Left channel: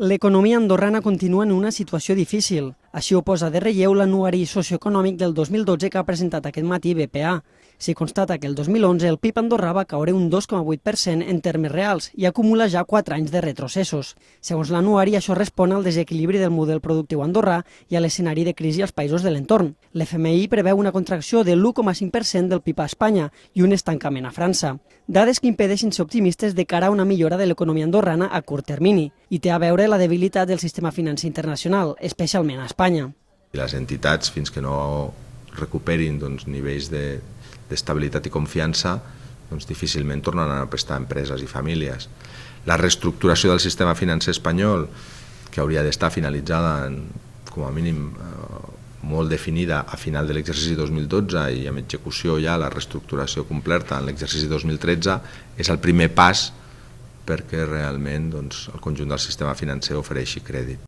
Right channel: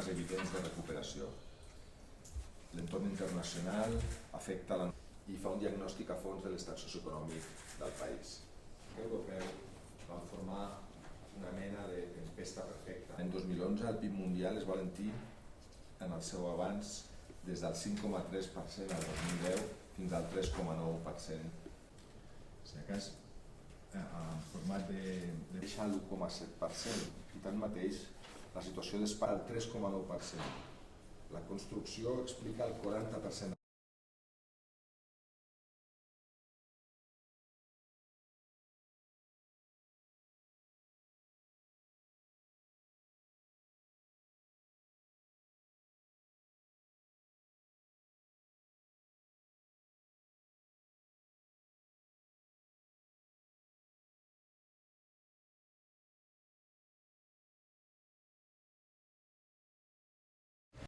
L'economia andorrana continua en una situació difícil. Així ho posa de relleu l'anuari socioeconòmic del 2012 que ha presentat aquest matí BPA. S'hi constata que el 2011 el PIB andorrà va caure un 2,8% en termes reals i acumula ja 4 anys de retrocessos. Segons l'anuari, això respon al desequilibri del model productiu andorrà i a l'escenari de crisi als països de l'entorn. L'FMI preveu una contracció de l'1,5% del PIB a Espanya i un estancament a França. Dades que impedeixen ser optimistes de cara a una millora de l'economia andorrana a curt termini i té a veure la debilitat del sistema financer internacional, especialment a Espanya. I les entitats, fins que no recuperin nivells d'estabilitat i confiança, difícilment tornaran a prestar empreses i famílies. La reestructuració del sistema financer espanyol, que hauria d'estar finalitzada com a mínim molt definida a final de l'exercici 2012 i amb execució ja la reestructuració completa en l'exercici 2013, és el primer pas perquè realment el conjunt del sistema financer ofereixi crèdit.